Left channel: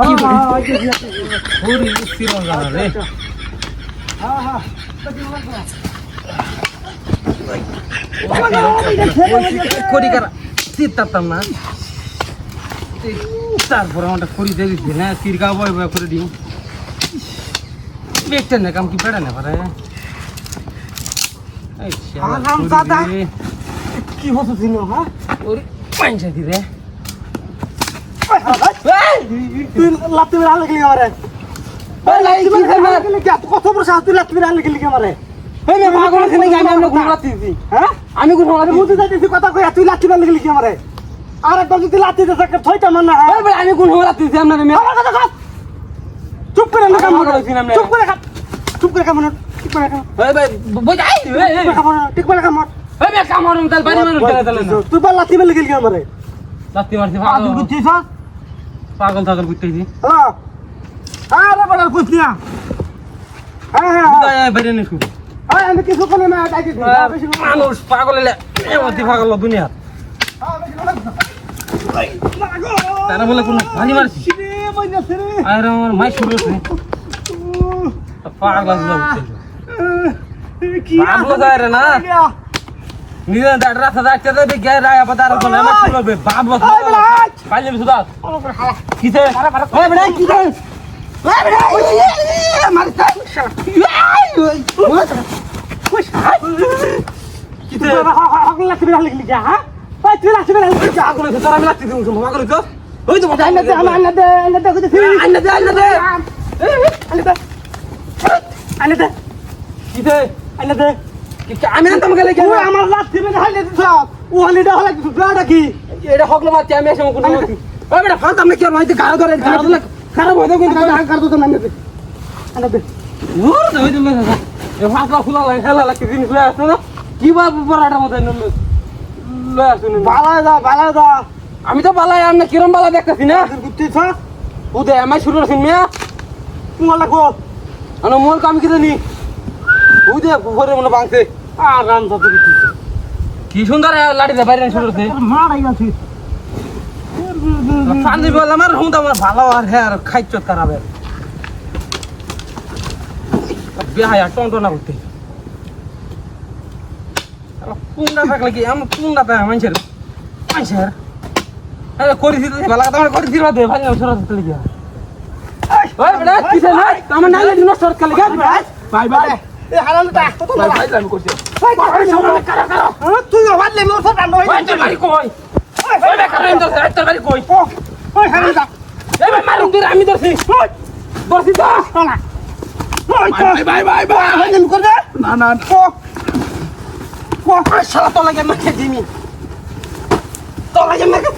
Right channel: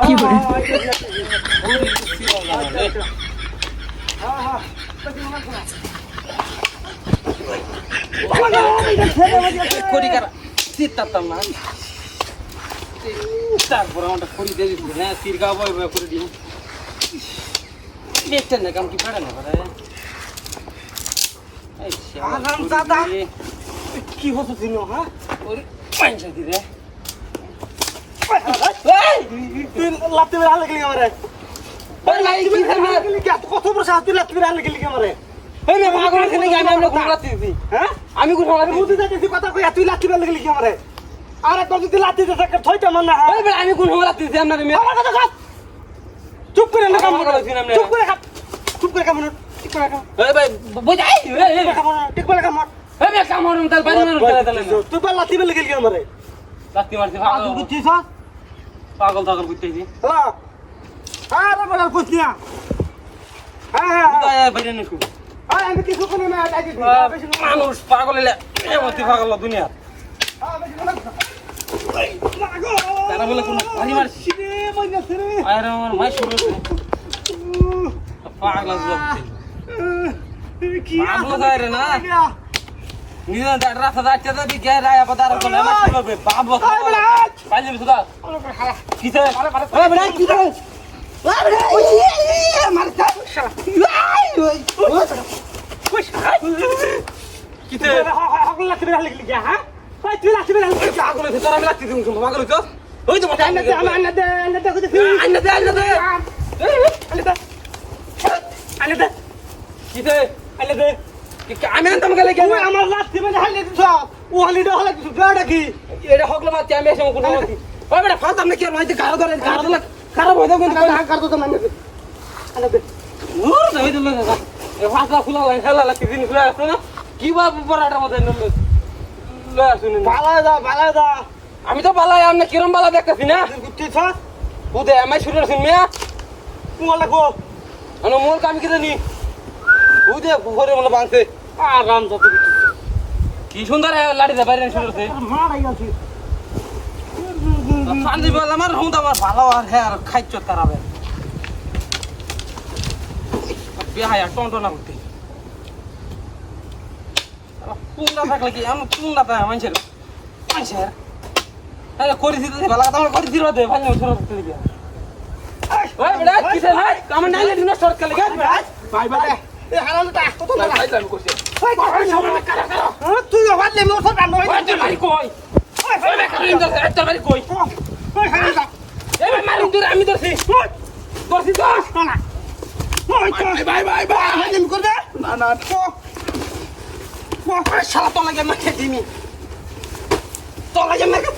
কি করে না তারপর আমারটা করি দেখেছি না তিরকা বয়ে বয়ে করে দিই দেখতে না কাম কি পেড়া না পারে কি হতো ছিল হ্যাঁ ওর পাঁচা দিরে তুই লাত্তি মেরে আনলে গেলি আমারে কত বড় সাহস তুই লাত্তি মেরে আনলে গেলি আমারে আমি বুঝতে চাইছি কথা কই তুই লাত্তি মেরে গেলি আমারে আর একবার যদি লাত্তি দিতে একটা ছয়টা মান না আমি কোন লাত্তি দিছি আমরা চুপ করে চুপ করে চুপ করে কামড় ঠিক করে ভাই বুঝাই ঠিক করে কামড় ভাই কামড়ম তাল বাড়ি মানুষ চলে চলে তুই বা লাত্তি মেরে গেলি আমারে লাত্তি মারছি পাগল বুঝছিস পাগল থাকল বুঝতেছি হ্যাঁ আরে বড় বুঝলি না হ্যাঁ বাইরে নে শুধু আমি কিছু করে না মানুষ পাগল এলে এমতি পাগল দুনিয়া তারা বলে কোন ভারী মারছি আরে আমার মাই শুরু হয়েছে পাগল বুঝতে পাগল যায় রে না নিজে রাস্তা যাচ্ছে তো দেখে রায় আবার তার কোন আমার কি হবে বাপ বস কাল যাবি সুদা কিসে ভাই ভাই কি করে আমি আনতাম গেলে আমার লাঠি মেরে হালে দিছ ও হালিটা হলে কিছু গাড়া কি এটা হকলে মারতে আমি এসে কোন ওই বেটা ফালতাম না কি আর হইতে গাড়া ধরে খারাপ হইতে কিন্তু কার তো মানে আনতে ওর তো হইতে না এ ফালতা ফুলা লাগে খেলা লাগে জিনিস লয় আসছে না কি বা বড়াটা মত লয় আসছে না বালা দা আমি তো বালাই আমি কিরম বালা দেখতেছি না গুতিছ উদে আমি শুরু করছি মিয়া তোমার লাগো আনো মোর কাম কি জানি উদে ঘরে মনে ভাঙছে আর রাম তো গুতিছ কি সুন্দর লাড়ি দে বাইরে শুরু করতে মারাই আছে পানি বল আমার হুঁদ আমার ভালো আর হ্যাঁ আর খাইছ খারাপ বেহায়া টনটনা করতে পুংটা থাকলে কি আমার পুংটা তো মানুষের আরে করেছি তো ভালো কথা আমার করেছি দে ভাই সরা দিতে গিয়া ওই বেটা কিছে না আমার নাইলে দিন নষ্ট করতে লাগা বাই বাই এ হারালটা কত না ভাই আমি করছি ভাই সামনে কারা তুই ওয়াদলে মোর সব নয় ভাই তোর বাড়ি কই ওই বেকার তোর বাড়ি কই ওই হারালটা এই ভাই মারুম দূর আমি ধরছি ধরছি তো চলা বাই আমি কর দে না শালা তো লাগে মাকে দিমি তো লাগে মাকে